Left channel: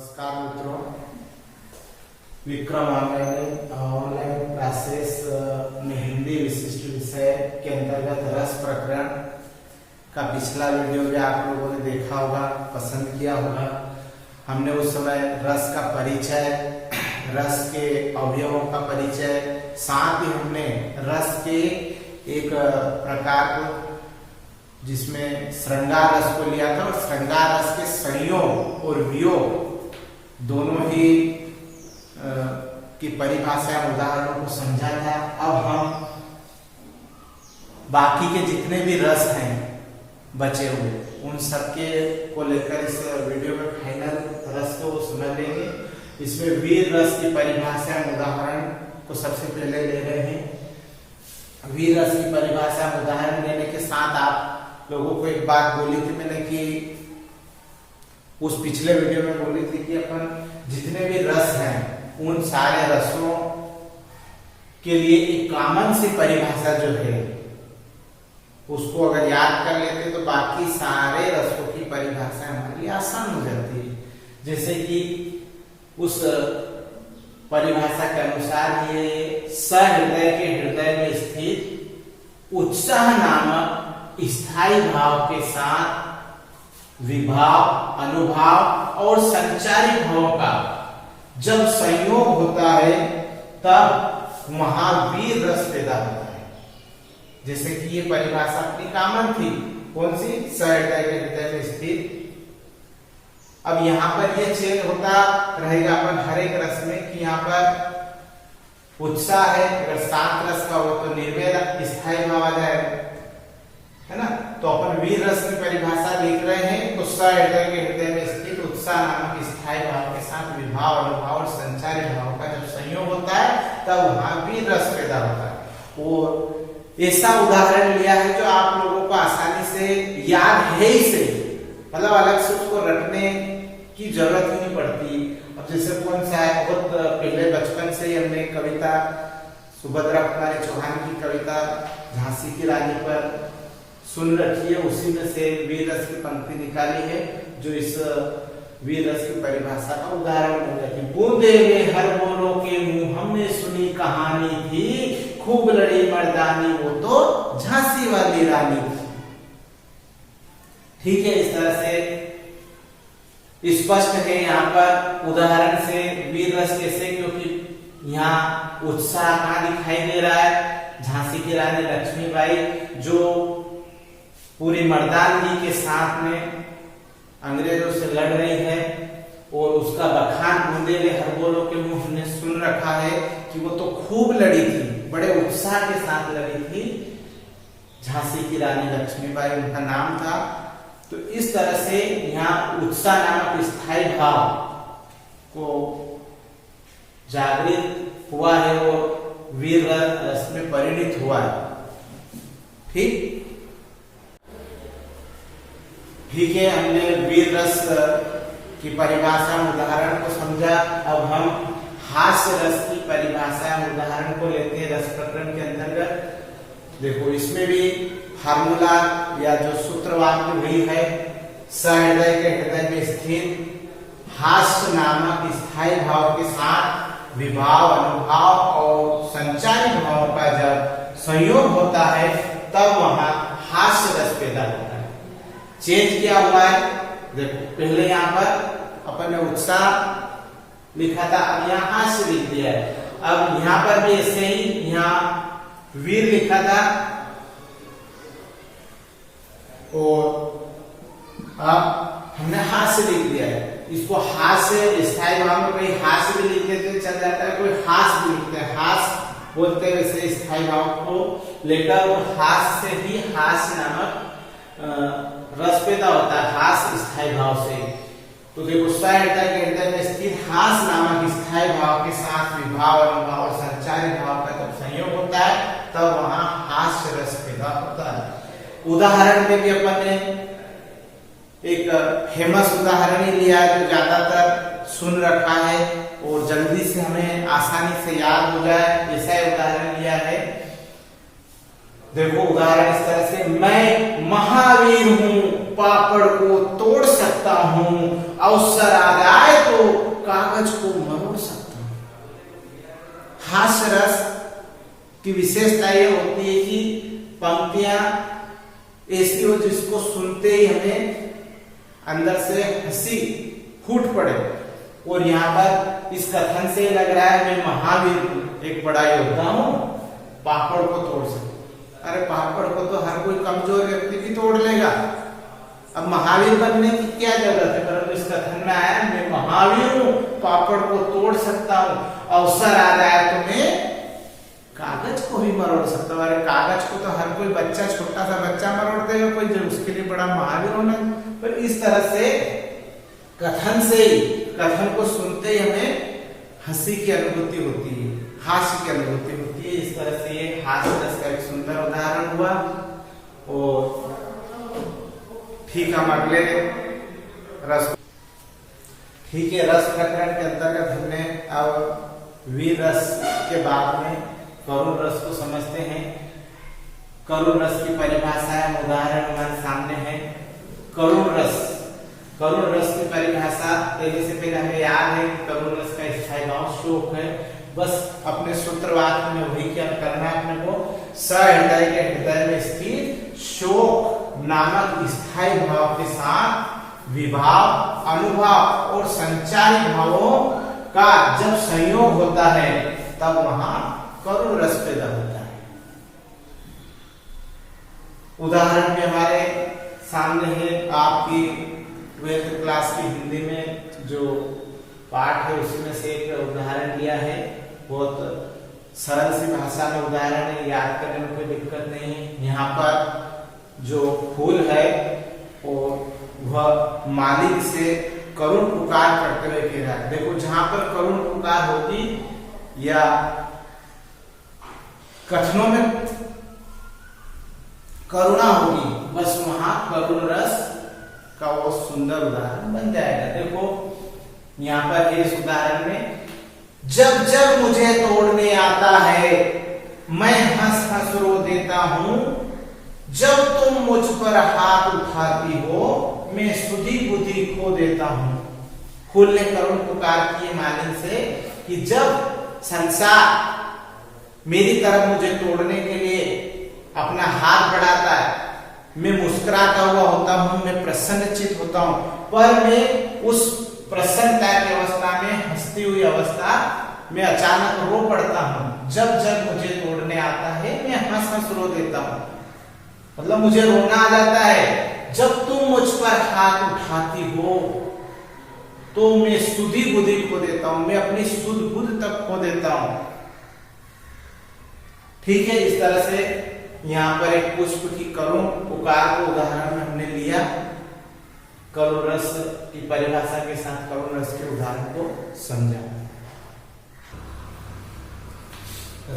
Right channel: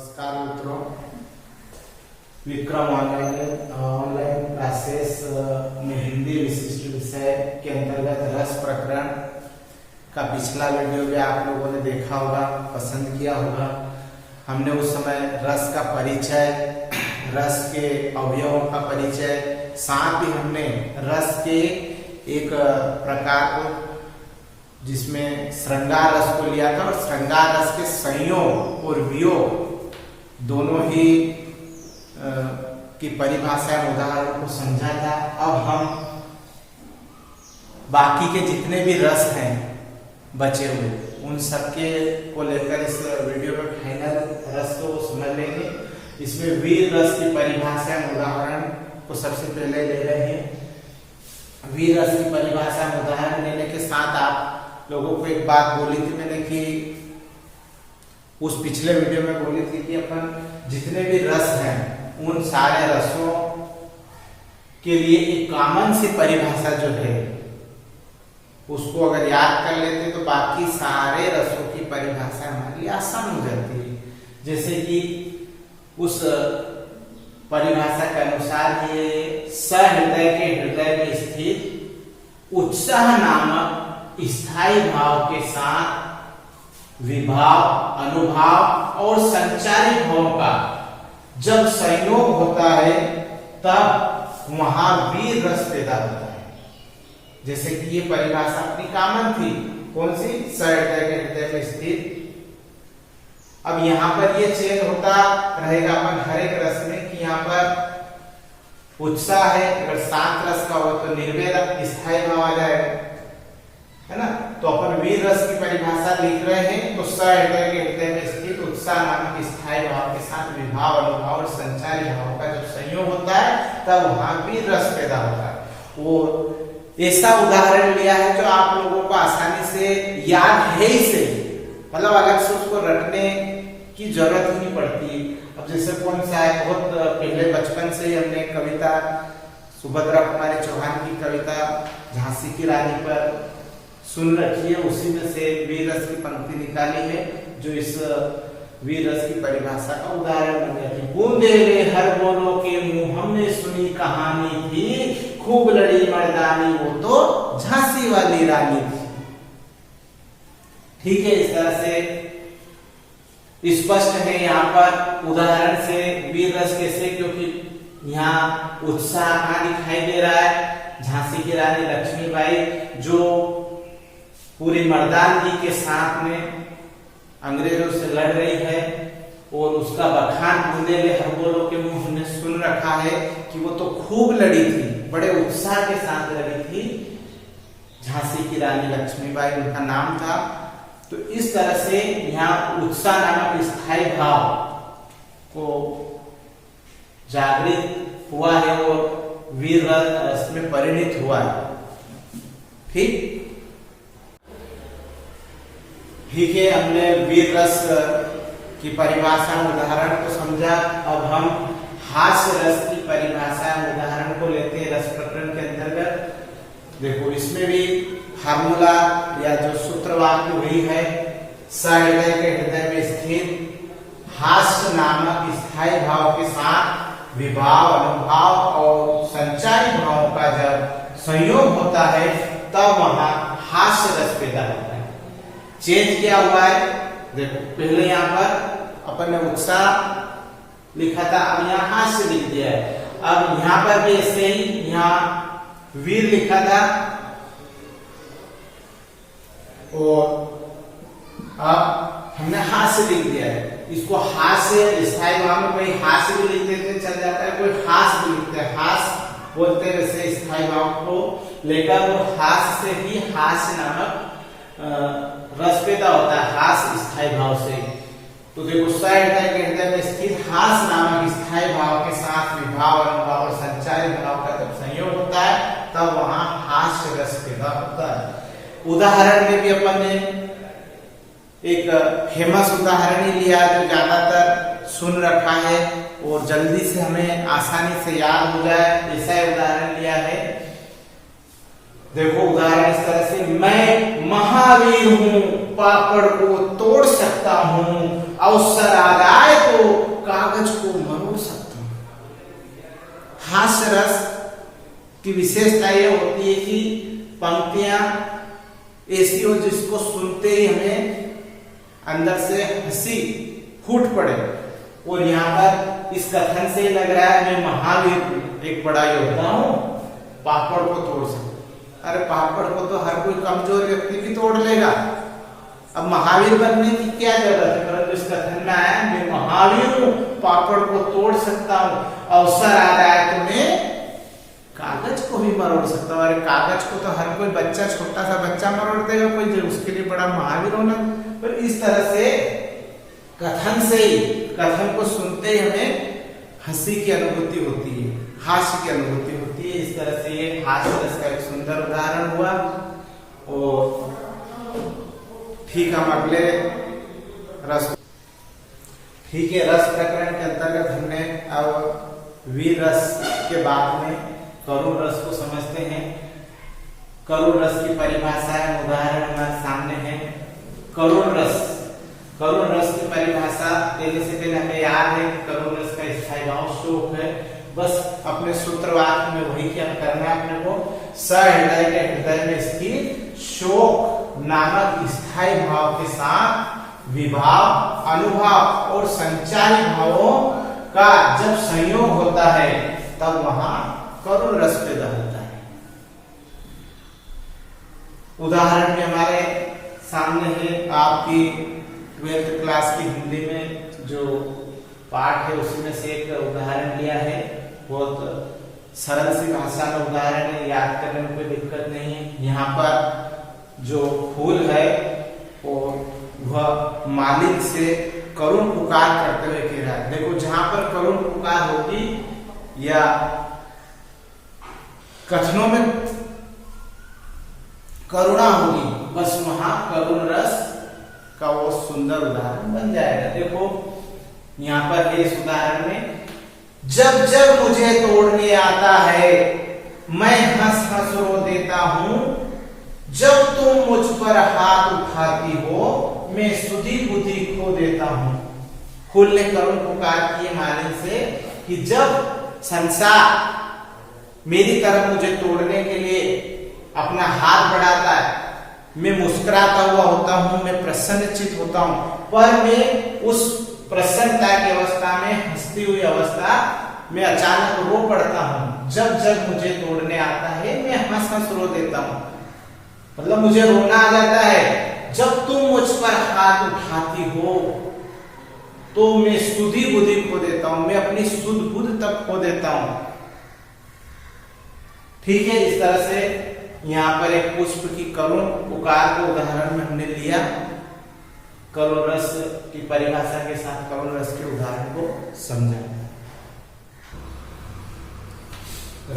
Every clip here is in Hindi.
नमस्कार मित्रों, विक्रम ऑनलाइन क्लासेस में हिंदी विशिष्ट विषय के अंतर्गत रस प्रकरण का पिछला वीडियो भी आप लोगों ने देखा होगा, पसंद किया होगा। हमने उस समय रस का परिचय, रस के अवयवों का परिचय, साथ ही हमने रस के एक प्रकार को जिसमें श्रृंगार रस को लिया था और श्रृंगार रस के संयोग और वियोग दोनों ही की परिभाषा उदाहरणों को समझा था। अब हम बाकी के जितने भी रस हैं बचे हुए उन सबके को लेकर इस वीडियो में फाइनल रस को समझ लेंगे। इसमें वीर रस की परिभाषा उदाहरण को सबसे पहले ले रहे हैं। वीर रस की परिभाषा उदाहरण देने के साथ आप लोगों को एक बात बोली थी मैंने कि उस पिछले वीडियो में बोली थी कि अपन जितने भी रस हैं उन सारे रसों के लिए एक कॉमन सी परिभाषा जो है उसको अगर याद कर लेते तो बाकी सारे रसों की परिभाषा हमारे लिए आसान हो जाती है। जैसे कि उस परिभाषा के अनुसार ये सहृदय के हृदय में स्थित उत्साह नामक स्थायी भाव के साथ विभाव, अनुभाव और संचारी भावों का जब संयोग होता है तब वहां वीर रस पैदा होता है। जैसे कि ये परिभाषा अपनी कॉमन थी, कौन सी? सहृदय के हृदय में स्थित। अब यहाँ पर ये चेंज होता रहेगा अपन हर एक रस में कि यहाँ पर उत्साह है, अगर शांत रस का हो तो निर्भय स्थायी भाव आ जाएगा, है ना। तो अपन वीर रस की परिभाषा लिख रहे हैं तो सहृदय के हृदय में स्थित उत्साह नामक स्थायी भाव के साथ विभाव, अनुभाव और संचारी भाव का जब संयोग होता है तब वहां वीर रस पैदा होता है। वो ऐसा उदाहरण लिया है जो आप लोगों को आसानी से याद है ही से, मतलब अलग से उसको रटने की जरूरत ही नहीं पड़ती। अब जैसे कौन सा है, बहुत पहले बचपन से ही हमने कविता सुभद्रा कुमारी चौहान की कविता झांसी की रानी पर सुन रखी है, उसी में से वीर रस की पंक्ति निकाली है जो इस वीर रस की परिभाषा का उदाहरण बन जाती है। बूंदे में हर बोलों के मुंह हमने सुनी कहानी थी, खूब लड़ी मर्दानी वो तो झांसी वाली रानी थी। ठीक है, इस तरह से स्पष्ट है यहाँ पर उदाहरण से वीर रस कैसे, क्योंकि यहाँ उत्साह कहाँ दिखाई दे रहा है, झांसी की रानी लक्ष्मीबाई जो पूरी मर्दानगी के साथ में अंग्रेजों से लड़ रही है और उसका बखान बूंदे में हर बोलों के मुंह हमने सुन रखा है कि वो तो खूब लड़ी थी, बड़े उत्साह के साथ लड़ी थी। झांसी की रानी लक्ष्मीबाई उनका नाम था। तो इस तरह से यहाँ उत्साह नामक स्थायी भाव को जागृत हुआ है और वीर रस में परिणित हुआ है। ठीक है, हमने वीर रस की परिभाषा उदाहरण को समझा। अब हम हास्य रस की परिभाषा उदाहरण को लेते हैं रस प्रकरण के अंतर्गत। देखो, इसमें भी फार्मूला या जो सूत्रवाक्य वही है, सहृदय के हृदय में स्थित हास्य नामक स्थायी भाव के साथ विभाव, अनुभाव और संचारी भावों का जब संयोग होता है तब वहां हास्य रस पैदा होता है। चेंज क्या हुआ है, देखो पहले यहाँ पर अपन ने उत्साह लिखा था, अब यहाँ हास्य लिख दिया है। अब यहाँ पर भी ऐसे ही यहाँ वीर लिखा था और अब हमने हास्य लिख दिया है। इसको हास्य स्थायी भाव में कोई हास्य भी लिख देते चल जाता है, कोई हास भी लिखते हैं, हास बोलते हैं वैसे स्थायी भाव को लेकर, और हास्य से ही हास्य नामक रस पैदा होता है, हास स्थायी भाव से। तो देखो, सहृदय के हृदय में स्थित हास नामक स्थायी भाव के साथ विभाव, अनुभाव और संचारी भाव का जब संयोग होता है तब वहां हास्य रस पैदा होता है। उदाहरण में भी अपन ने एक फेमस उदाहरण ही लिया जो ज्यादातर सुन रखा है और जल्दी से हमें आसानी से याद हो जाए, ऐसा उदाहरण लिया है। देखो उदाहरण इस तरह से, मैं महावीर हूं पापड़ को तोड़ सकता हूं, अवसर आ जाए तो कागज को मरोड़ सकता हूं। हास्य रस की विशेषता यह होती है कि पंक्तियां ऐसी हो जिसको सुनते ही हमें अंदर से हंसी फूट पड़े। और यहाँ पर इस कथन से लग रहा है मैं महावीर एक बड़ा योद्धा हूं, पापड़ को तोड़ सकता। अरे पापड़ को तो हर कोई कमजोर व्यक्ति भी तोड़ लेगा, अब महावीर बनने की क्या जरूरत है। परंतु इस कथन में आया मैं महावीर हूं, पापड़ को तोड़ सकता हूं, अवसर आ रहा है तो मैं कागज को भी मरोड़ सकता हूं। अरे कागज को तो हर कोई बच्चा, छोटा सा बच्चा मरोड़ देगा, कोई उसके लिए बड़ा महावीर होना। पर इस तरह से कथन से ही, कथन को सुनते ही हमें हंसी की अनुभूति होती है, हास्य की अनुभूति होती है। इस तरह से ये हास्य रस का एक सुंदर उदाहरण हुआ। और ठीक, हम अगले रस, ठीक है, रस प्रकरण के अंतर्गत हमने अब वीर रस के बाद में करुण रस को समझते हैं। करुण रस की परिभाषा है, उदाहरण हमारे सामने है। करुण रस, करुण रस की परिभाषा देने से पहले हमें याद है कि करुण रस का स्थायी भाव शोक है। बस अपने सूत्रवाक्य में वही क्या करना है अपने को, सहृदय के हृदय में स्थित शोक नामक स्थायी भाव के साथ विभाव, अनुभव और संचारी भावों का जब संयोग होता है तब वहां करुण रस पैदा होता है। उदाहरण में हमारे सामने है, आपकी 12th क्लास की हिंदी में जो पाठ है उसमें से एक उदाहरण दिया है। बहुत सरल सी भाषा में उदाहरण है, याद करने में कोई दिक्कत नहीं है। यहाँ पर जो फूल है वह मालिक से करुण पुकार करते हुए कह रहा है। देखो, जहां पर करुण पुकार होगी या कथनों में करुणा होगी, बस वहां करुण रस का वो सुंदर उदाहरण बन जाएगा। देखो यहाँ पर इस उदाहरण में, जब जब मुझे तोड़ने आता है मैं हंस हंस रो देता हूं, जब तुम मुझ पर हाथ उठाती हो मैं सुधी बुद्धि खो देता हूं। फूल ने करुण पुकार की मालिक से कि जब संसार मेरी तरफ मुझे तोड़ने के लिए अपना हाथ बढ़ाता है, मैं मुस्कुराता हुआ होता हूं, मैं प्रसन्नचित होता हूं, पर मैं उस प्रसन्नता की अवस्था में, हंसती हुई अवस्था में अचानक रो पड़ता हूं। जब जब मुझे तोड़ने आता है मैं हंस हंस रो देता हूं, मतलब मुझे रोना आ जाता है। जब तुम मुझ पर हाथ उठाती हो तो मैं सुधी बुद्धि खो देता हूं, मैं अपनी सुध बुद्ध तक खो देता हूं। ठीक है, इस तरह से यहाँ पर एक पुष्प की करुण पुकार को उदाहरण में हमने लिया। करुण रस की परिभाषा के साथ करुण रस के उदाहरण को समझा।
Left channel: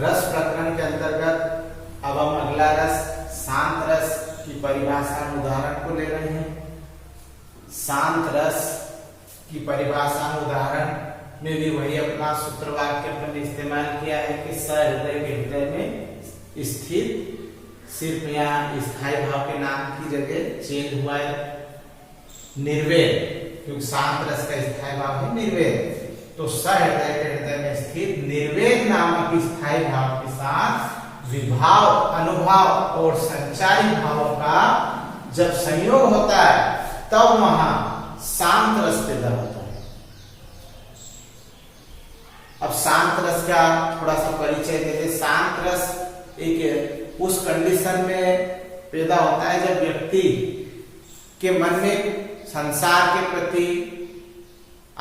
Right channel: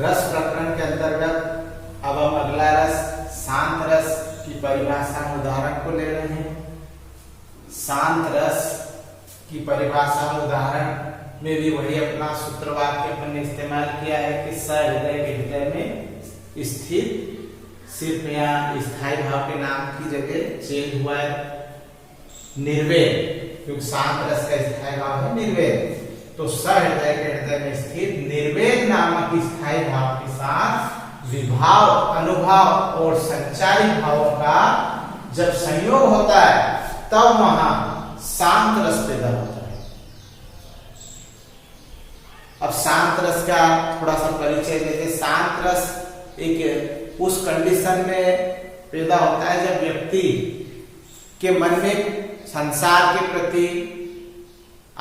रस प्रकरण के अंतर्गत अब हम अगला रस शांत रस की परिभाषा उदाहरण को ले रहे हैं। शांत रस की परिभाषा उदाहरण में भी वही अपना सूत्रवाक्य अपन ने इस्तेमाल किया है कि सहृदय के हृदय में स्थित, सिर्फ यहाँ स्थायी भाव के नाम की जगह चेंज हुआ है निर्वेद, क्योंकि शांत रस का स्थायी भाव है निर्वेद। तो सहृदय के हृदय में स्थित निर्वेद नामक स्थायी भाव के साथ विभाव, अनुभव और संचारी भावों का जब संयोग होता है तब वहां शांत रस पैदा होता है। अब शांत रस का थोड़ा सा परिचय देते। शांत रस एक उस कंडीशन में पैदा होता है जब व्यक्ति के मन में संसार के प्रति,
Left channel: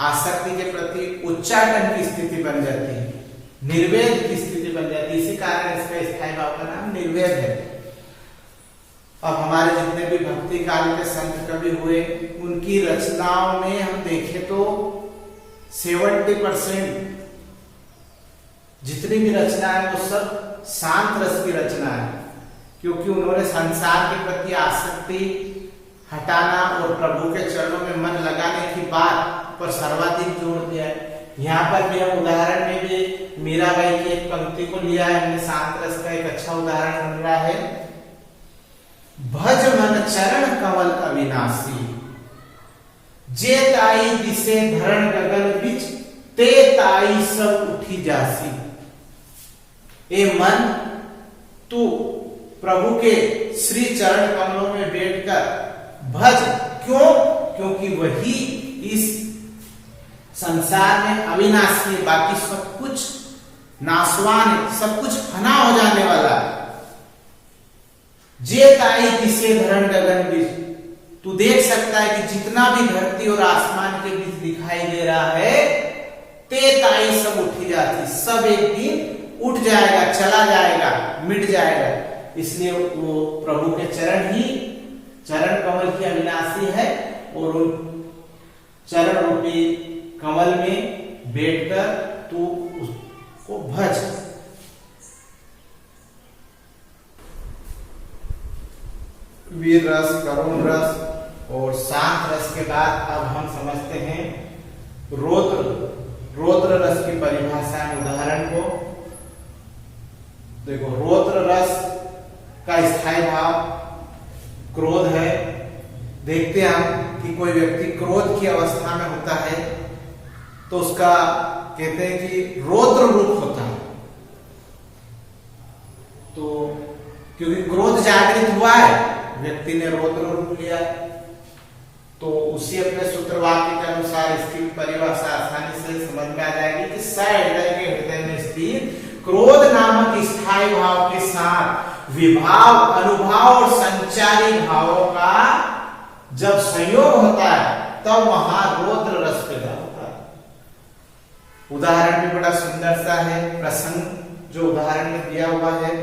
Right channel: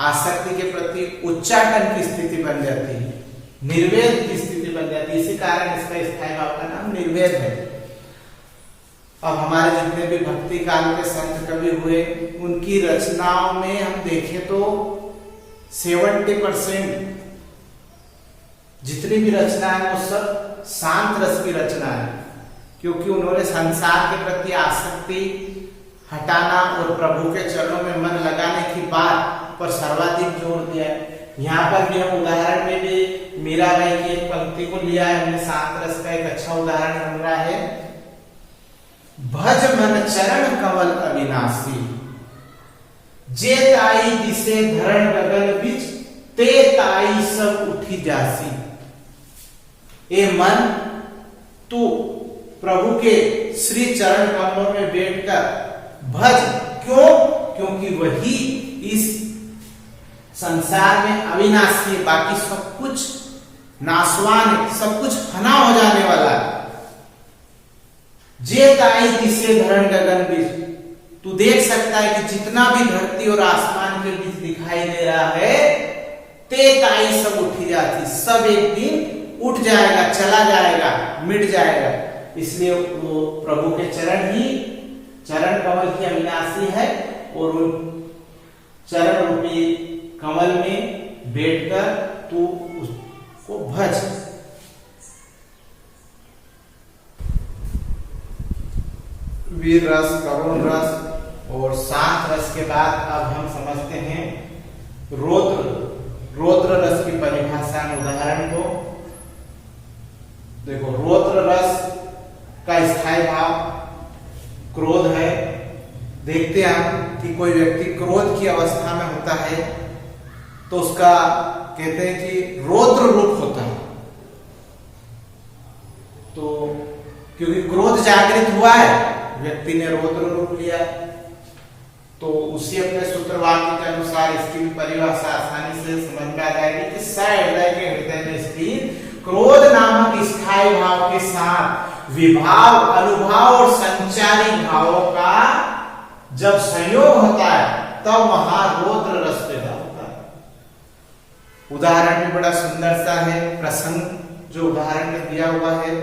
आसक्ति के प्रति उच्चाटन की स्थिति बन जाती है, निर्वेद की स्थिति बन जाती है। इसी कारण इसका स्थायी भाव का नाम निर्वेद है। अब हमारे जितने भी भक्ति काल के संत कवि हुए, उनकी रचनाओं में हम देखें तो 70% जितनी भी रचना है वो सब शांत रस की रचना है, क्योंकि उन्होंने संसार के प्रति आसक्ति हटाना और प्रभु के चरणों में मन लगाने की बात पर सर्वाधिक जोर दिया है। यहाँ पर भी हम उदाहरण में भी मीराबाई की एक पंक्ति को लिया है हमने। शांत रस का एक अच्छा उदाहरण बन रहा है। भज मन चरण कमल अविनाशी, जे ताई दिसे धरण गगन बिच, ते ताई सब उठी जासी। ए मन, तू प्रभु के श्री चरण कमलों में बैठकर भज। क्यों? क्योंकि वही इस संसार में अविनाशी, बाकी सब कुछ नाशवान है, सब कुछ फना हो जाने वाला है। जे ताई दिसे धरण गगन बीच, तू देख सकता है कि जितना भी धरती और आसमान के बीच दिखाई दे रहा है, ते ताई सब उठी जाती, सब एक दिन उठ जाएगा, चला जाएगा, मिट जाएगा। इसलिए वो प्रभु के चरण ही चरण कमल की अविनाशी है, और उन चरण रूपी कमल में बैठकर तू उसको भज। वीर रस, करुण रस और शांत रस के बाद अब हम समझते हैं रौद्र रस की परिभाषा में उदाहरण को। देखो, रौद्र रस का स्थायी भाव क्रोध है। देखते हैं हम कि कोई व्यक्ति क्रोध की अवस्था में होता है तो उसका कहते हैं कि रौद्र रूप होता है। तो क्योंकि क्रोध जागृत हुआ है, व्यक्ति ने रौद्र रूप लिया है, तो उसी अपने सूत्र वाक्य के अनुसार इसकी परिभाषा आसानी से समझ में आ जाएगी कि स हृदय के हृदय में स्थित क्रोध नामक स्थायी भाव के साथ विभाव, अनुभाव और संचारी भावों का जब संयोग होता है तब वहां रौद्र रस पैदा होता है। उदाहरण भी बड़ा सुंदर सा है, प्रसंग जो उदाहरण में दिया हुआ है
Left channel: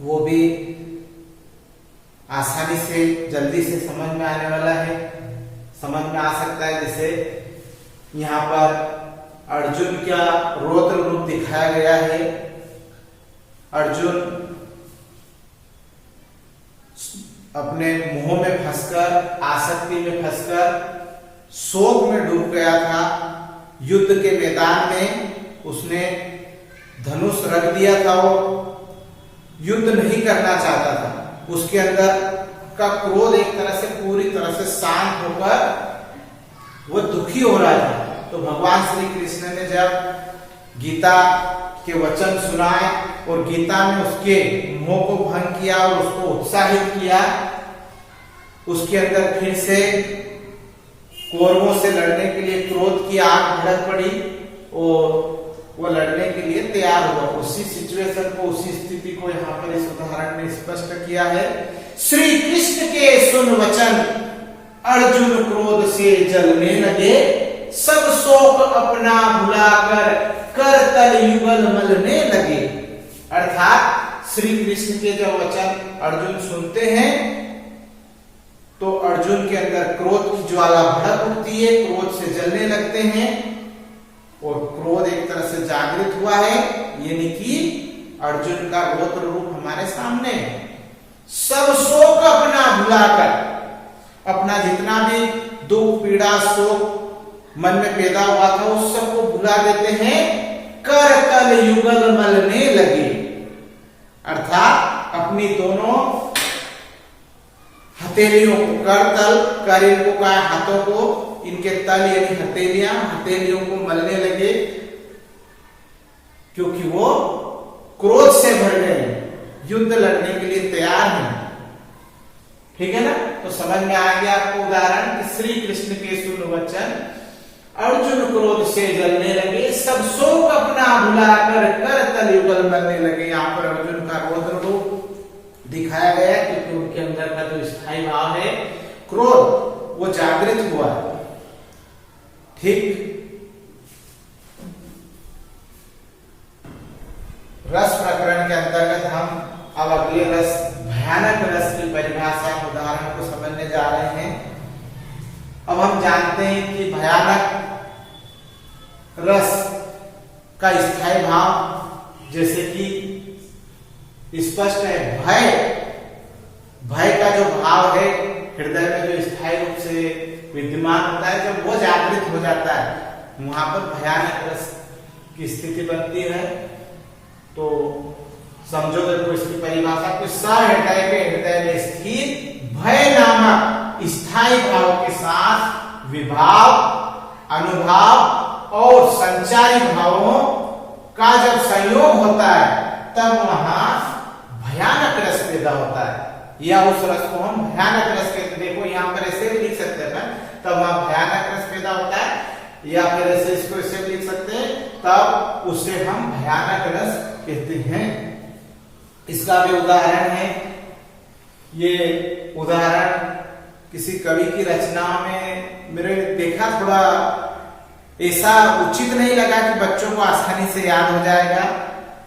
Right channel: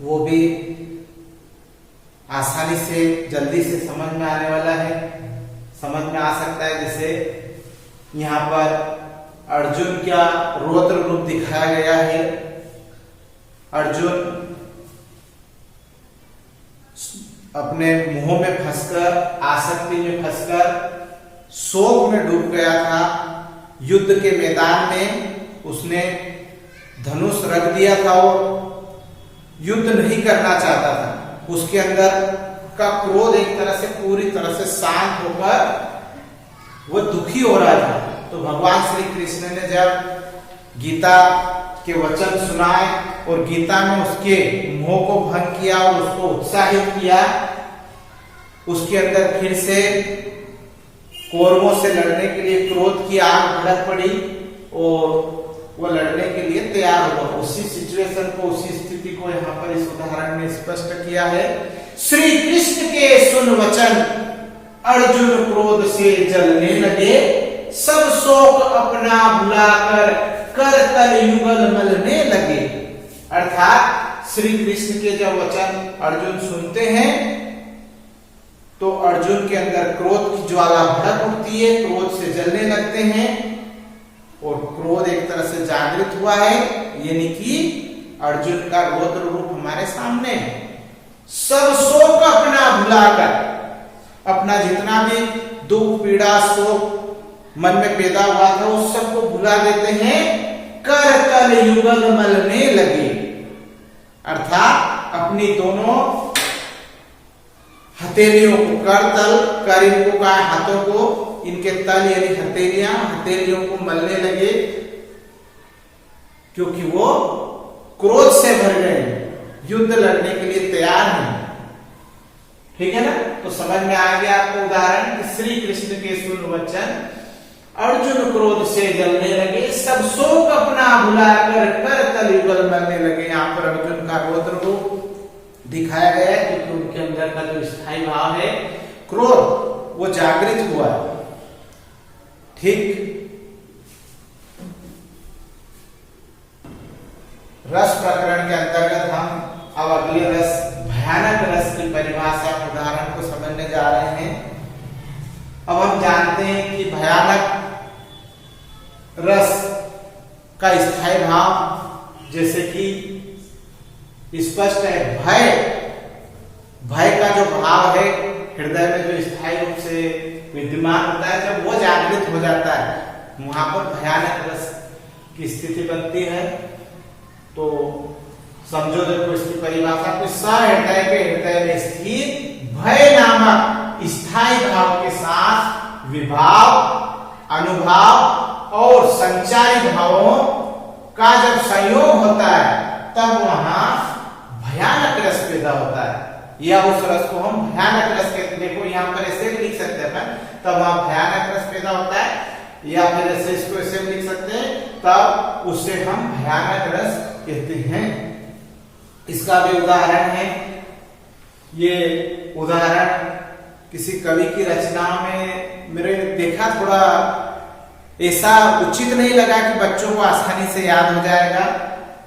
वो भी आसानी से जल्दी से समझ में आने वाला है, समझ में आ सकता है। जैसे यहाँ पर अर्जुन का रौद्र रूप दिखाया गया है। अर्जुन अपने मोह में फंसकर, आसक्ति में फंसकर शोक में डूब गया था। युद्ध के मैदान में उसने धनुष रख दिया था, वो युद्ध नहीं करना चाहता था। उसके अंदर का क्रोध एक तरह से पूरी तरह से शांत होकर वो दुखी हो रहा था। तो भगवान श्री कृष्ण ने जब गीता के वचन सुनाए और गीता में उसके मोह को भंग किया और उसको उत्साहित किया, उसके अंदर फिर से कौरवों से लड़ने के लिए क्रोध की आग भड़क पड़ी और वो लड़ने के लिए तैयार हुआ। उसी सिचुएशन को, उसी स्थिति को यहाँ पर इस उदाहरण में स्पष्ट किया है। श्री कृष्ण के सुन वचन, अर्जुन क्रोध से जलने लगे, सब शोक अपना भुलाकर कर तल युगल मलने लगे। अर्थात श्री कृष्ण के जब वचन अर्जुन सुनते हैं तो अर्जुन के अंदर क्रोध की ज्वाला भड़क उठती है, क्रोध से जलने लगते हैं और क्रोध एक तरह से जागृत हुआ है, यानी कि अर्जुन का रौद्र रूप हमारे सामने है। सब शोक अपना भुलाकर, अपना जितना भी दुख, पीड़ा, शोक मन में पैदा हुआ था उस सबको भुला देते हैं, कर तल युगल मलने लगे। अर्थात अपनी दोनों हथेलियों को, कर तल, कर इनको का हाथों को, इनके तल यानी हथेलियों को मलने लगे, क्योंकि वो क्रोध से भर गए, युद्ध लड़ने के लिए तैयार हैं। ठीक है ना? तो समझ में आ गया आपको उदाहरण कि श्री कृष्ण के सुन वचन, अर्जुन क्रोध से जलने लगे, सब शोक अपना भुलाकर कर तल युगल मलने लगे। यहाँ पर अर्जुन का रौद्र रूप दिखाया गया है क्योंकि उनके अंदर का जो स्थायी भाव है क्रोध, वो जागृत हुआ। ठीक, रस प्रकरण के अंतर्गत हम अब अगले रस, भयानक रस की परिभाषा के उदाहरण को समझने जा रहे हैं। अब हम जानते हैं कि भयानक रस का स्थायी भाव जैसे कि स्पष्ट है, भय का जो भाव है हृदय में जो स्थायी रूप से विद्यमान होता है, जब वो जागृत हो जाता है वहां पर भयानक रस की स्थिति बनती है। तो समझो देखो इसकी परिभाषा को, सहृदय के हृदय में स्थित भय नामक स्थायी भाव के साथ विभाव, अनुभाव और संचारी भावों का जब संयोग होता है तब वहां भयानक रस पैदा होता है, या उस रस को हम भयानक रस कहते हैं। देखो यहाँ पर ऐसे भी लिख सकते हैं, तब वहां भयानक रस पैदा होता है, या फिर ऐसे इसको ऐसे लिख सकते हैं, तब उसे हम भयानक रस कहते हैं। इसका भी उदाहरण है, ये उदाहरण किसी कवि की रचनाओं में मेरे देखा, थोड़ा ऐसा उचित नहीं लगा कि बच्चों को आसानी से याद हो जाएगा,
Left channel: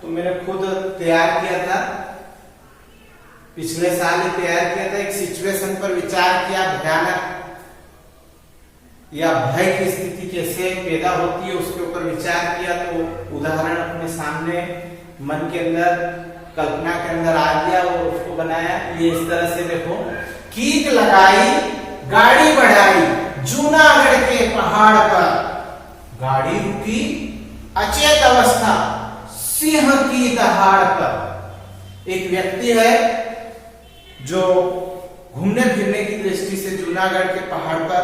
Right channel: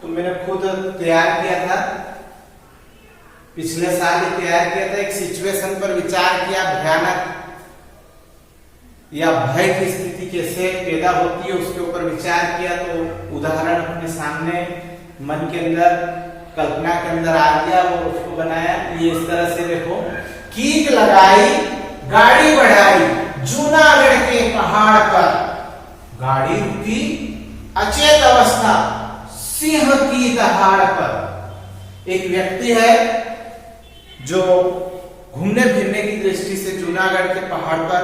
तो मैंने खुद तैयार किया था, पिछले साल ही तैयार किया था। एक सिचुएशन पर विचार किया, भयानक या भय की स्थिति कैसे पैदा होती है उसके ऊपर विचार किया, तो उदाहरण अपने सामने मन के अंदर, कल्पना के अंदर आ गया, वो उसको बनाया। ये इस तरह से देखो, कीक लगाई गाड़ी बढ़ाई जूनागढ़ के पहाड़ पर, गाड़ी रुकी अचेत अवस्था सिंह की दहाड़ पर। एक व्यक्ति है जो घूमने फिरने की दृष्टि से जूनागढ़ के पहाड़ पर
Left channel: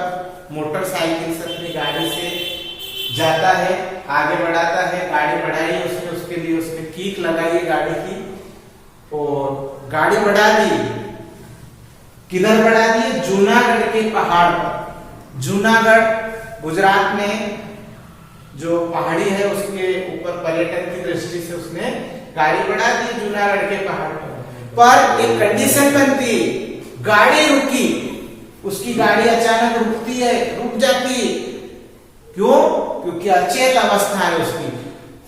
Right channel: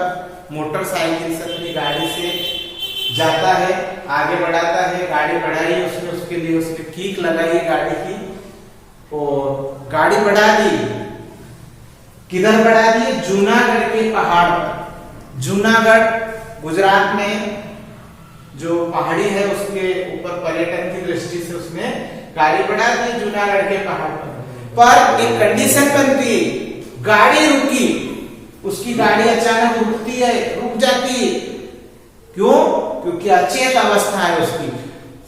मोटरसाइकिल से, अपनी गाड़ी से जाता है, आगे बढ़ाता है, गाड़ी बढ़ाई उसने, उसके लिए उसने कीक लगाई गाड़ी की और गाड़ी बढ़ा दी। किधर बढ़ा दी? जूनागढ़ के पहाड़ पर। जूनागढ़ गुजरात में जो पहाड़ी है उसके ऊपर पर्यटन की दृष्टि से उसने गाड़ी बढ़ा दी जूनागढ़ के पहाड़ पर एक कंडीशन बनती, गाड़ी रुकी, उसकी गाड़ी अचानक रुकती है, रुक जाती। क्यों? क्योंकि अचेत अवस्था है उसकी,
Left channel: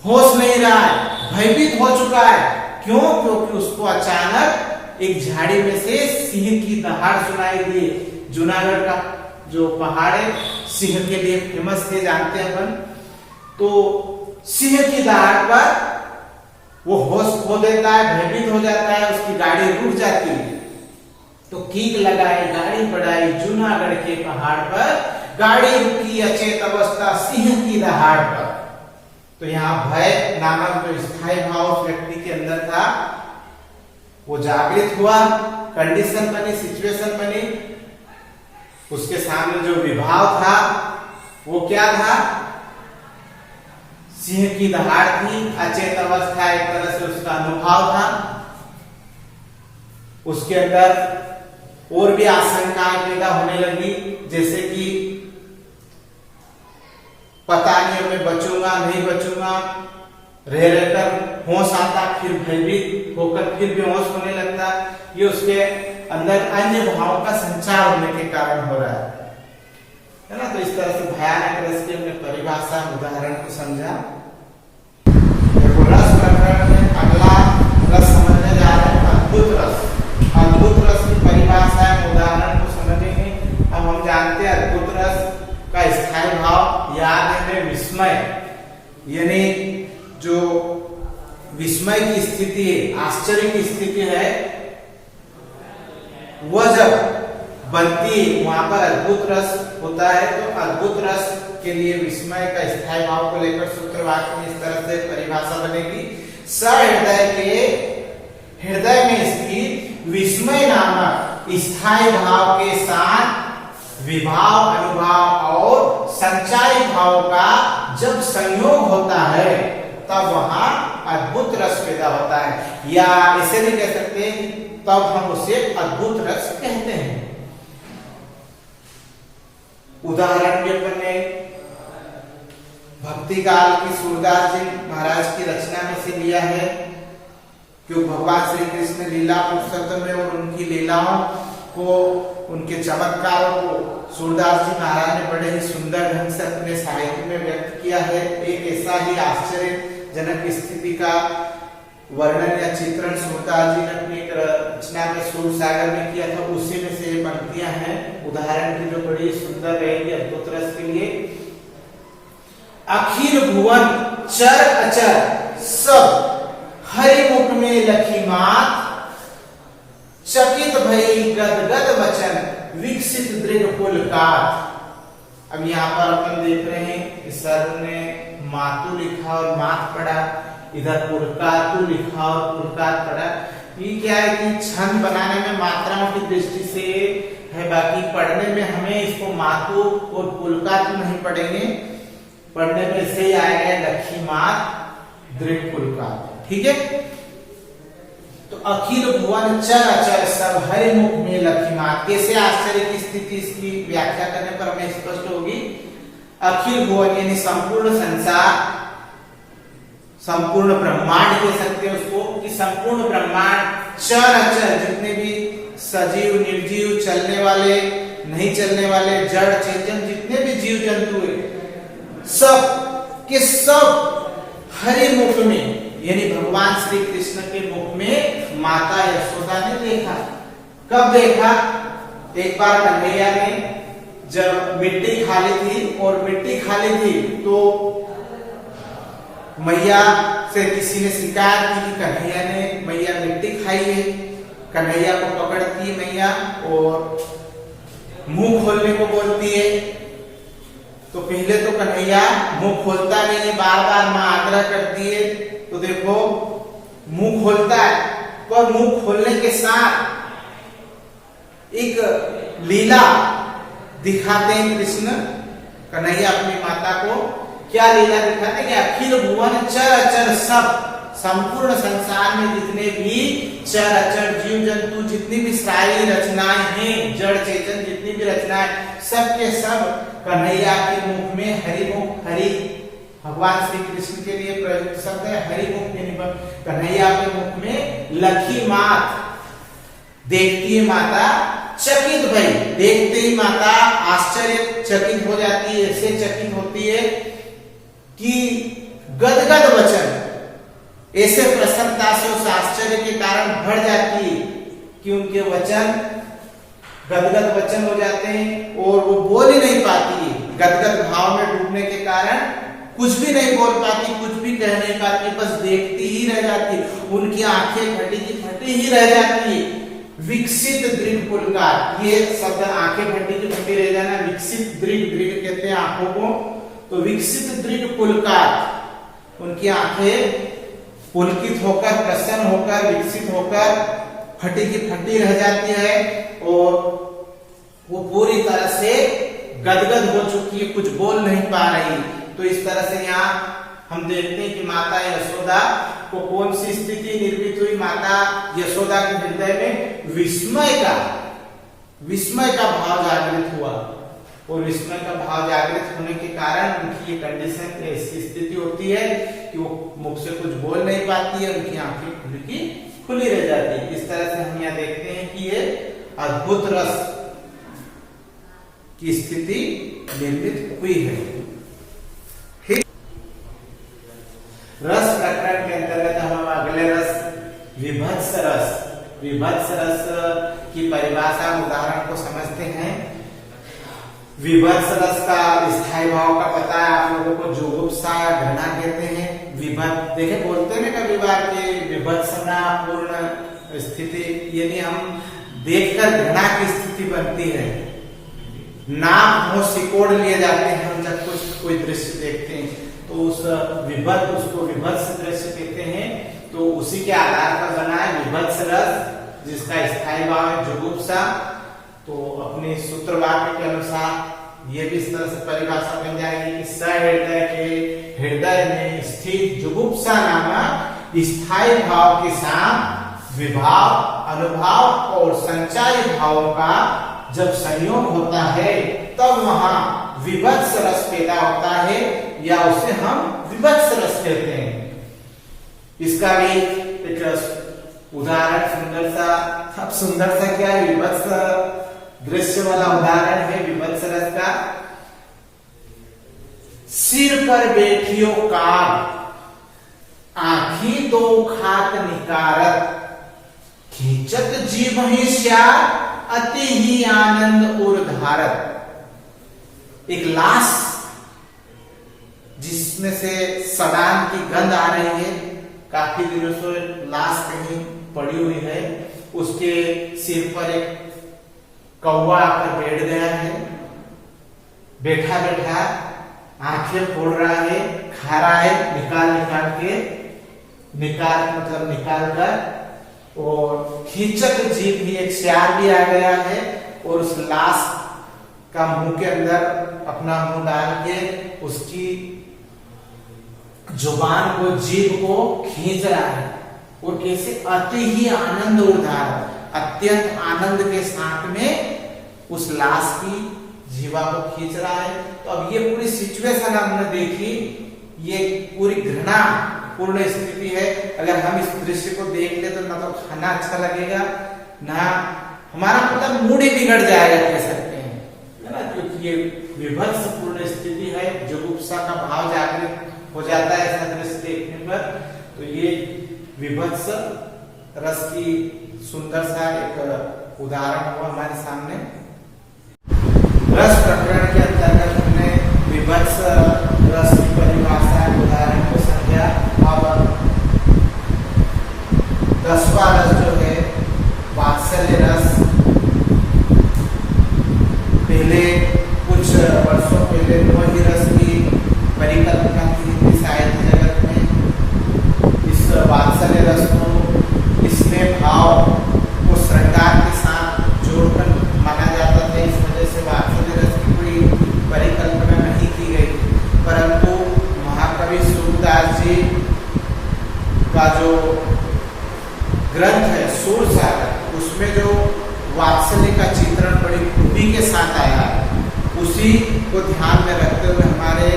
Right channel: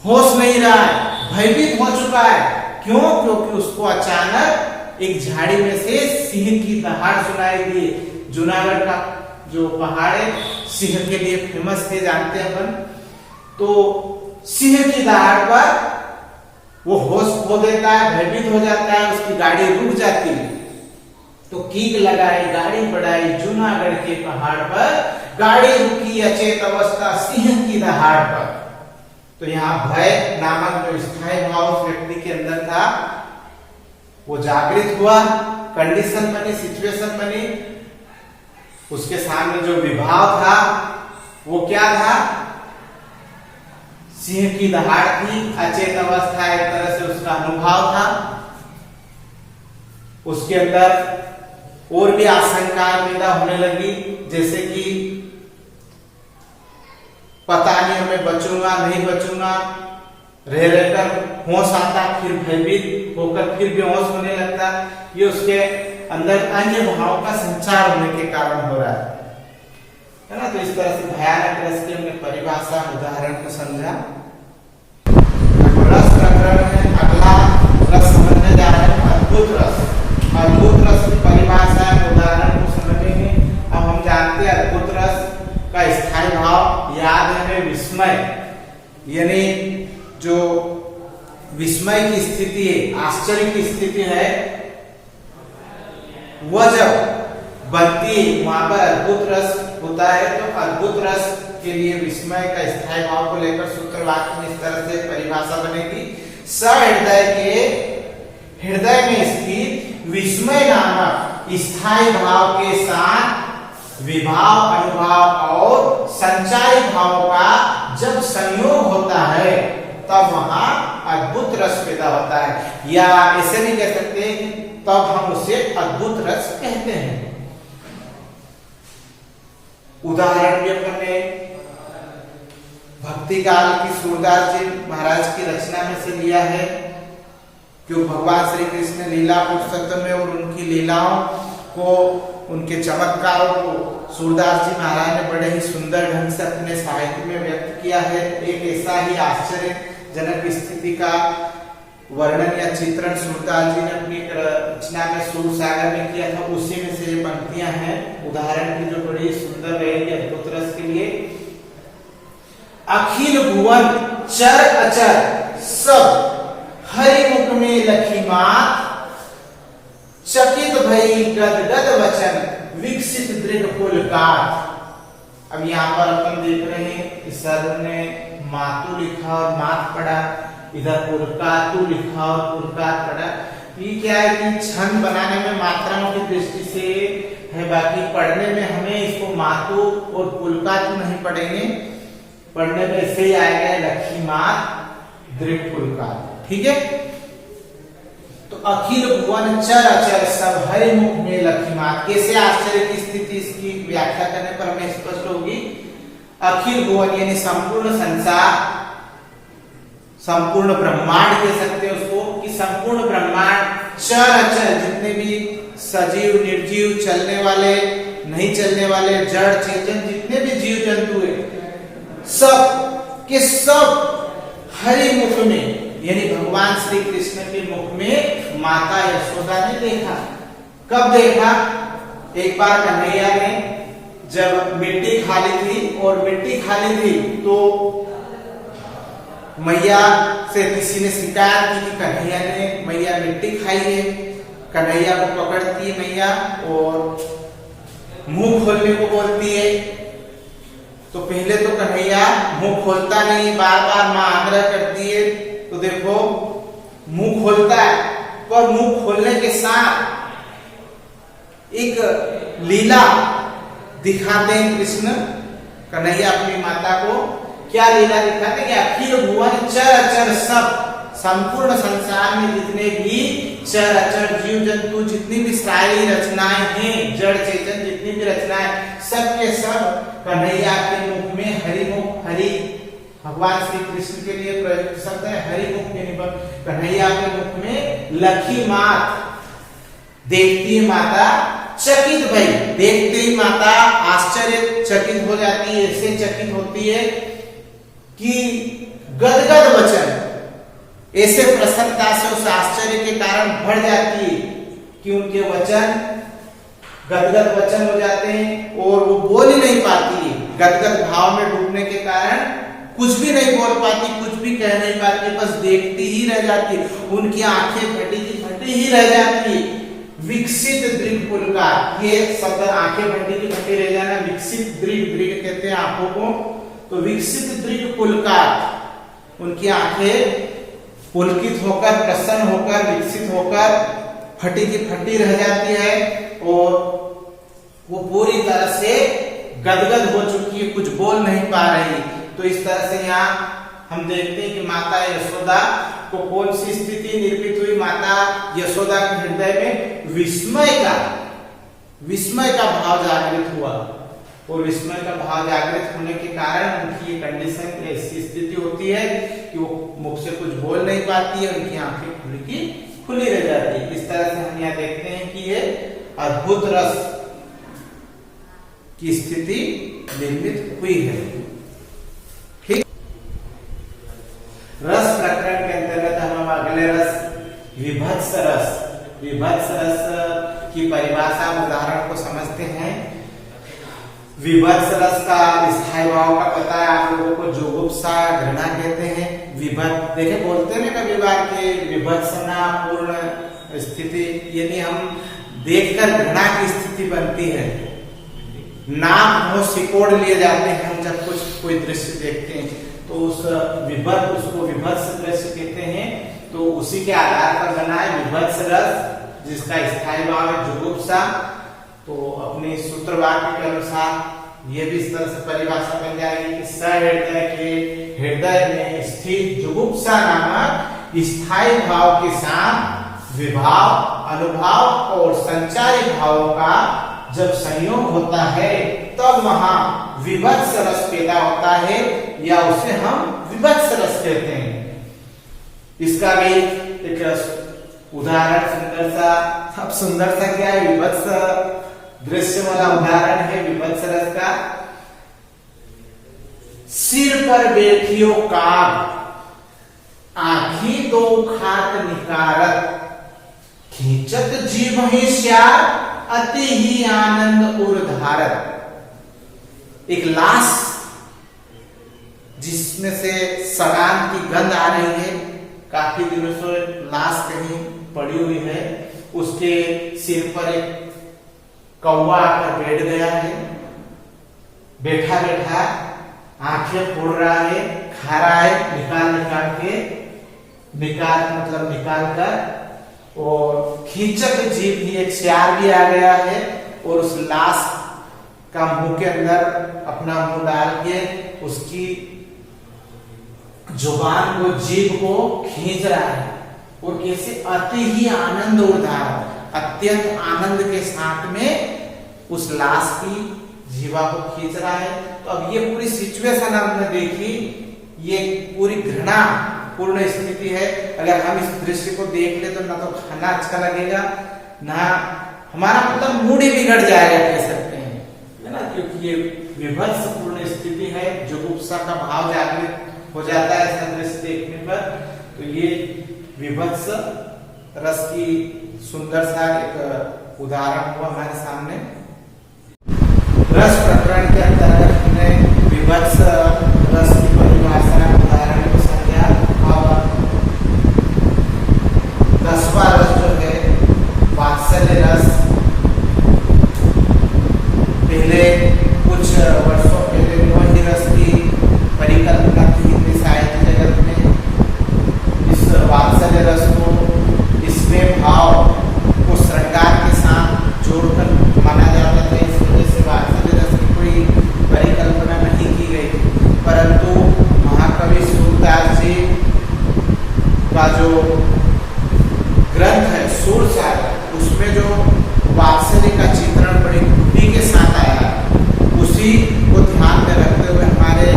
होश नहीं रहा है, भयभीत हो चुका है। क्यों? क्योंकि उसको अचानक एक झाड़ी में से सिंह की दहाड़ सुनाई दी। जूनागढ़ का जो पहाड़ है सिंह के लिए फेमस है, जानते हैं अपन। तो सिंह की दहाड़ पर वो होश खो देता है, भयभीत हो जाता है, उसकी गाड़ी रुक जाती है। तो कीक लगाई, गाड़ी बढ़ाई जूनागढ़ के पहाड़ पर, गाड़ी रुकी अचेत अवस्था सिंह की दहाड़ पर। तो यहाँ भय नामक जो स्थायी भाव उस व्यक्ति के अंदर था वो जागृत हुआ, कंडीशन बनी, सिचुएशन बनी। उसके सामने जो विभाव था वो क्या था? सिंह की दहाड़ थी, अचेत अवस्था, एक तरह से उसका अनुभव था। उसके अंदर और भी आशंकाएं पैदा होने लगी, जैसे कि पता नहीं मैं बचूंगा नहीं बचूंगा, रह रहकर होश आता, फिर भयभीत होकर फिर बेहोश होने लगता। ये उसके अंदर अन्य भावों का संचार होने के कारण हो रहा है ना। तो इस तरह से भयानक रस की हमने परिभाषा, उदाहरण को समझा। रस प्रकरण में अगला रस समझने जा रहे हैं, अद्भुत रस। अद्भुत रस की परिभाषा, उदाहरण को समझेंगे। अब हम जानते हैं अद्भुत रस का स्थायी भाव याद है, विस्मय, यानी जो विस्मय की स्थिति है, आश्चर्य की स्थिति है, वह जब बनती है वहां पर अद्भुत रस होता है। तो अद्भुत रस के लिए विस्मय का स्थायी भाव को लेकर सूत्र वाक्य में इस तरह से परिभाषा बनेगी, सहृदय के हृदय में स्थित विस्मय नामक स्थायी भाव के साथ विभाव, अनुभाव और संचारी भाव का जब संयोग होता है तब वहां अद्भुत रस पैदा होता है। या ऐसे भी कह सकते हैं तब हम उसे अद्भुत रस कहते हैं। उदाहरण के अपने भक्ति काल की सूरदास जी महाराज की रचना में से लिया है, जो भगवान श्री कृष्ण लीला पुरुषोत्तम में और उनकी लीलाओं को, उनके चमत्कारों को सूरदास जी महाराज ने बड़े ही सुंदर ढंग से अपने साहित्य में व्यक्त किया है। एक ऐसा ही आश्चर्यजनक स्थिति का वर्णन या चित्रण सूरदास जी ने अपनी रचना में सूर सागर में किया था, उसी में से ये पंक्तियां हैं उदाहरण की, जो बड़ी सुंदर रहेगी अद्भुत रस के लिए। अखिल भुवन चर अचर सब हरि मुख में लखी मात, चकित भई गदगद वचन विकसित दृढ़ पुलकात। अब यहाँ पर अपन देख रहे हैं कि सर ने मातु लिखा और मात पढ़ा, इधर पुलकातु लिखा और पुलकात पढ़ा। ये क्या है कि छंद बनाने में मात्राओं की दृष्टि से है, बाकी पढ़ने में हमें इसको मातु और पुलकातु नहीं पढ़ेंगे, पढ़ने में ऐसे ही आएगा लक्ष्मीमात दृढ़ पुलकात। ठीक है, तो अखिल भुवन चर अचर सब हरि मुख में लक्ष्मीमात। कैसे आश्चर्य की स्थिति इसकी व्याख्या करने पर हमें स्पष्ट होगी। अखिल भुवन यानी संपूर्ण संसार, संपूर्ण ब्रह्मांड कह सकते हैं उसको, कि संपूर्ण ब्रह्मांड चर अचर जितने भी सजीव निर्जीव चलने वाले नहीं चलने वाले जड़ चेतन जितने भी जीव जंतु है सब के सब हरि मुख में यानी भगवान श्री कृष्ण के मुख में माता यशोदा ने देखा। कब देखा? एक बार कन्हैया ने जब मिट्टी खाली थी और मिट्टी खाली थी तो मैया से किसी ने शिकायत की कि कन्हैया ने मैया मिट्टी खाई है। कन्हैया को पकड़ती मैया और मुंह खोलने को बोलती है। तो पहले तो कन्हैया मुंह खोलता नहीं है, बार बार मां आग्रह करती है तो देखो मुंह खोलता है, पर मुंह खोलने के साथ एक लीला दिखाते हैं कृष्ण कन्हैया अपनी माता को। क्या लीला दिखाते हैं कि अखिल भुवन चर अचर सब संपूर्ण संसार में जितने भी चर अचर जीव जंतु जितनी भी सारी रचनाएं हैं, जड़ चेतन जितनी भी रचनाएं सब के सब कन्हैया के मुख में हरिमुख, हरि भगवान श्री कृष्ण के लिए प्रयुक्त शब्द है हरिमुख यानी कन्हैया के मुख में लक्ष्मीमात देखती है माता चकित भई, देखते ही माता आश्चर्य चकित हो जाती है, ऐसे चकित होती है कि गदगद वचन, ऐसे प्रसन्नता से उस आश्चर्य के कारण भर जाती है कि उनके वचन गदगद वचन हो जाते हैं और वो बोल ही नहीं पाती। गदगद भाव में डूबने के कारण कुछ भी नहीं बोल पाती, कुछ भी कह नहीं पाती, बस देखती ही रह जाती। उनकी आंखें फटी की फटी ही रह जाती। विकसित दृढ़ पुलकात, ये शब्द आंखें फटी की फटी रह जाना, विकसित दृढ़, दृढ़ कहते हैं आंखों को, तो विकसित दृढ़ पुलकात, उनकी आंखें पुलकित होकर प्रसन्न होकर विकसित होकर फटी की फटी रह जाती है और वो पूरी तरह से गदगद हो चुकी है, कुछ बोल नहीं पा रही। तो इस तरह से यहाँ हम देखते हैं कि माता यशोदा को कौन सी स्थिति निर्मित हुई। माता यशोदा के हृदय में विस्मय का भाव जागृत हुआ और विस्मय का भाव जागृत होने के कारण उनकी ये कंडीशन, ऐसी स्थिति होती है कि वो मुख से कुछ बोल नहीं पाती है, उनकी आंखें खुली रह जाती है। इस तरह से हम यहाँ देखते हैं कि ये अद्भुत रस की स्थिति निर्मित हुई है। ठीक, रस प्रकरण के अंतर्गत हम अगले रस विभत्स रस, विभत्स रस की परिभाषा उदाहरण को समझते हैं। विभत्स रस का स्थायी भाव का पता है आप लोगों को, जुगुप्सा घृणा कहते हैं। विभत्स देखे बोलते हैं कभी बार के विभत्सना पूर्ण स्थिति, यानी हम देखकर घृणा की स्थिति बनती है, नाक मुंह सिकोड़ लिए जाते हैं हम जब कुछ कोई दृश्य देखते हैं, तो उस विभत्स, उसको विभत्स दृश्य कहते हैं। तो उसी के आधार पर बना है विभत्स रस, जिसका स्थायी भाव है जुगुप्सा। तो अपने सूत्र वाक्य के अनुसार ये भी इस तरह से परिभाषा बन जाएगी कि सहृदय के हृदय में स्थित जुगुप्सा नामक स्थायी भाव के साथ विभाव, अनुभाव और संचारी भावों का जब संयोग होता है तब वहां विभत्स रस पैदा होता है, या उसे हम विभत्स रस कहते हैं। इसका भी एक उदाहरण सुंदर सा, अब सुंदर सा क्या है, विभत्स दृश्य वाला उदाहरण है विभत्स रस का। सिर पर बैठियो काग, आंखी दो खात निकारत, खींचत जीव ही श्यार, अति ही आनंद उर्धारत। एक लाश जिसमें से सड़ान की गंध आ रही है, काफी दिनों से लाश कहीं पड़ी हुई है, उसके सिर पर एक कौवा आकर बैठ गया है, बैठा बैठा आंखें फोड़ रहा है, खा रहा है निकाल निकाल के, निकाल कर और खींचक जीभ भी एक स्यार भी आ गया है और उस लाश का मुंह के अंदर अपना मुंह डाल के उसकी जुबान को जीभ को खींच रहा है और कैसे अति ही आनंद उधार अत्यंत आनंद के साथ में उस लाश की जीवा को खींच रहा है। तो अब ये पूरी सिचुएशन हमने देखी, ये पूरी घृणा पूर्ण स्थिति है। अगर हम इस दृश्य को देख ले तो ना तो खाना अच्छा लगेगा, ना हमारा मतलब मूड ही बिगड़ जाएगा, कह सकते हैं, है ना, क्योंकि ये विभत्स पूर्ण स्थिति है, जुगुप्सा का भाव जागृत हो जाता है ऐसा दृश्य देखने पर। तो ये विभत्स रस की सुंदर सा एक उदाहरण हुआ हमारे सामने। रस प्रकरण के अंतर्गत हमने विभत्स रस की परिभाषा उदाहरण को समझा और 10वां रस जो है वात्सल्य रस, पहले कुछ वर्षों पहले मोहि रस की परिकल्पना की हिंदी साहित्य जगत में। इस वात्सल्य रस को इसमें भाव को श्रृंगार के साथ जोड़कर माना जाता था, इस वजह से वात्सल्य रस की कोई परिकल्पना नहीं की गई। परंतु महाकवि सूरदास जी का जो ग्रंथ है सूरसागर, उसमें जो वात्सल्य का चित्रण बड़ी खूबी के साथ आया, उसी को ध्यान में रखते हुए हमारे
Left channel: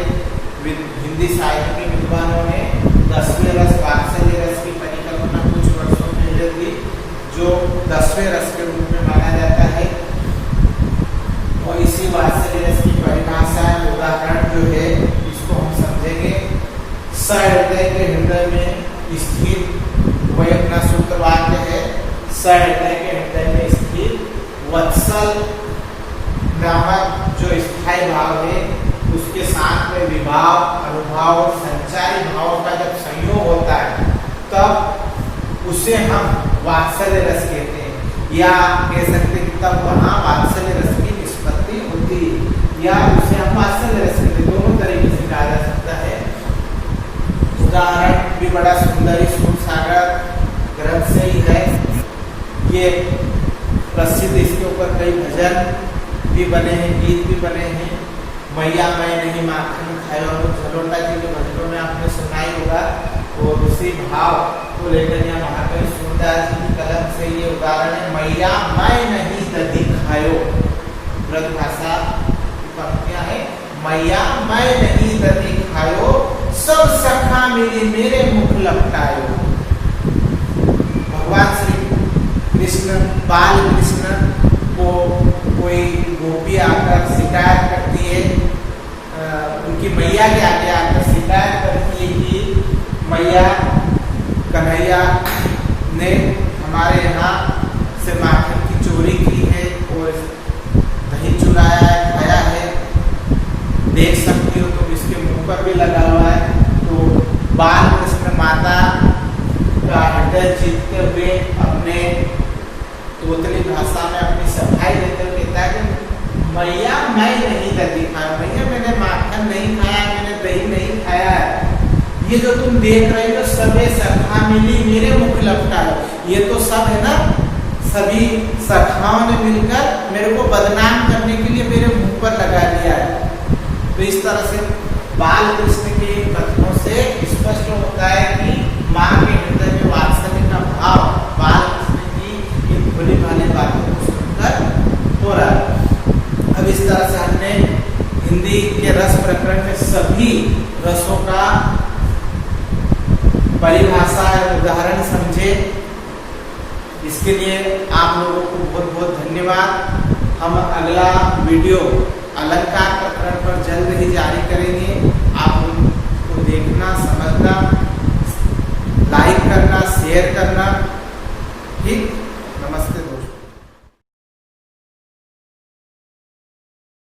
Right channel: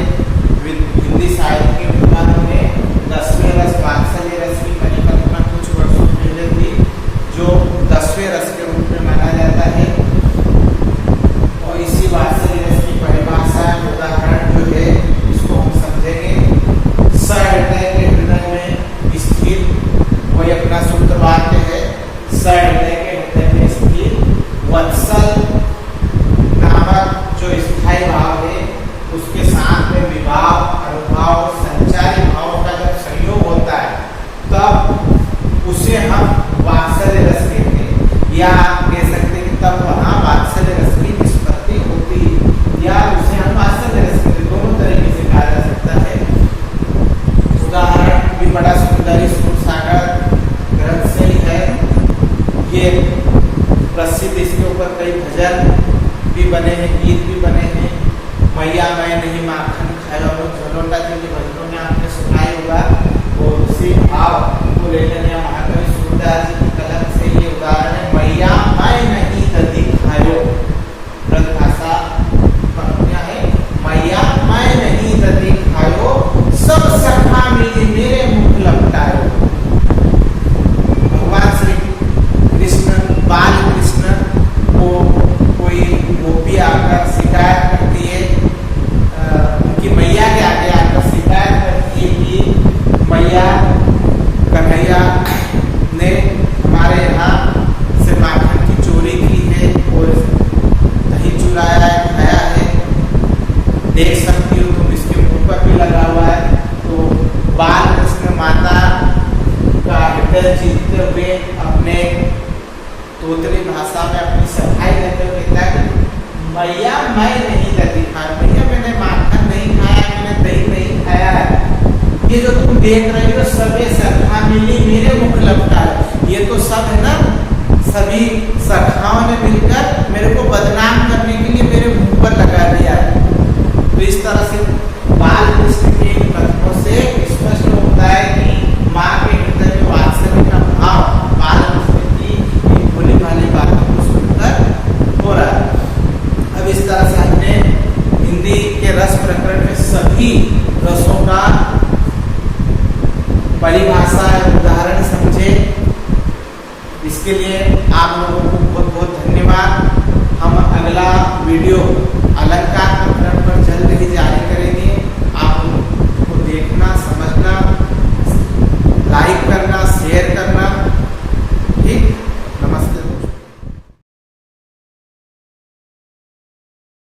हिंदी साहित्य के विद्वानों ने 10वें रस वात्सल्य रस की परिकल्पना कुछ वर्षों पहले थी, जो 10वें रस के रूप में माना जाता है। और इसी वात्सल्य रस की परिभाषा उदाहरण जो है इसको हम समझेंगे। सहृदय के हृदय में स्थित वही अपना शुद्ध वाक्य है, सहृदय के हृदय में स्थित वत्सल नामक जो स्थायी भाव है, उसके साथ में विभाव, अनुभाव और संचारी भाव का जब संयोग होता है तब उसे हम वात्सल्य रस कहते हैं, या कह सकते हैं तब वहां वात्सल्य रस की निष्पत्ति होती, या उसे हम वात्सल्य रस कहते हैं। दोनों तरीके से कहा जा सकता है। उदाहरण भी बड़ा सुंदर इस सूरसागर ग्रंथ से ही है। ये प्रसिद्ध, इसके ऊपर कई भजन भी बने हैं, गीत भी बने हैं। मैया मैं नहीं माखन खाया झलोटा के लिए भजनों में आपने सुनाई होगा, और उसी भाव को लेकर यहाँ महाकवि सूरदास जी की कलम से ये उदाहरण है। मैया मैं नहीं दधी खायो, ब्रजभाषा पंक्तियां है। मैया मैं नहीं दधी खायो, सब सखा मिली मेरे मुख लपटायो। भगवान श्री कृष्ण, बाल कृष्ण को कोई गोपी आकर शिकायत करती है, उनकी मैया के आगे आकर शिकायत करती है कि मैया कन्हैया ने हमारे यहाँ से माखन की चोरी की है और दही चुराया है, खाया है, देख सकती हो तुम, इसके मुंह पर भी लगा हुआ है। तो बाल कृष्ण माता का हृदय जीतते हुए अपने तोतली भाषा में अपनी सफाई देते हुए कहता है कि मैया मैं नहीं दही खाया, मैया मैंने माखन नहीं खाया, मैंने दही नहीं खाया है, ये जो तुम देख रहे हो सबे सखा मिली मेरे मुख लपटाए। ये तो सब है ना, सभी सखाओं ने मिलकर मेरे को बदनाम करने के लिए मेरे मुंह पर लगा दिया है। तो इस तरह से बाल कृष्ण के कथनों से स्पष्ट होता है कि माँ के हृदय में वात्सल्य का भाव बाल कृष्ण की भोली भाली बातों को सुनकर हो रहा है। अब इस तरह से हमने हिंदी के रस प्रकरण में सभी रसों का परिभाषा और उदाहरण समझे। इसके लिए आप लोगों को बहुत बहुत धन्यवाद। हम अगला वीडियो अलंकार प्रकरण पर जल्द ही जारी करेंगे। आप उनको देखना, समझना, लाइक करना, शेयर करना। ठीक, नमस्ते।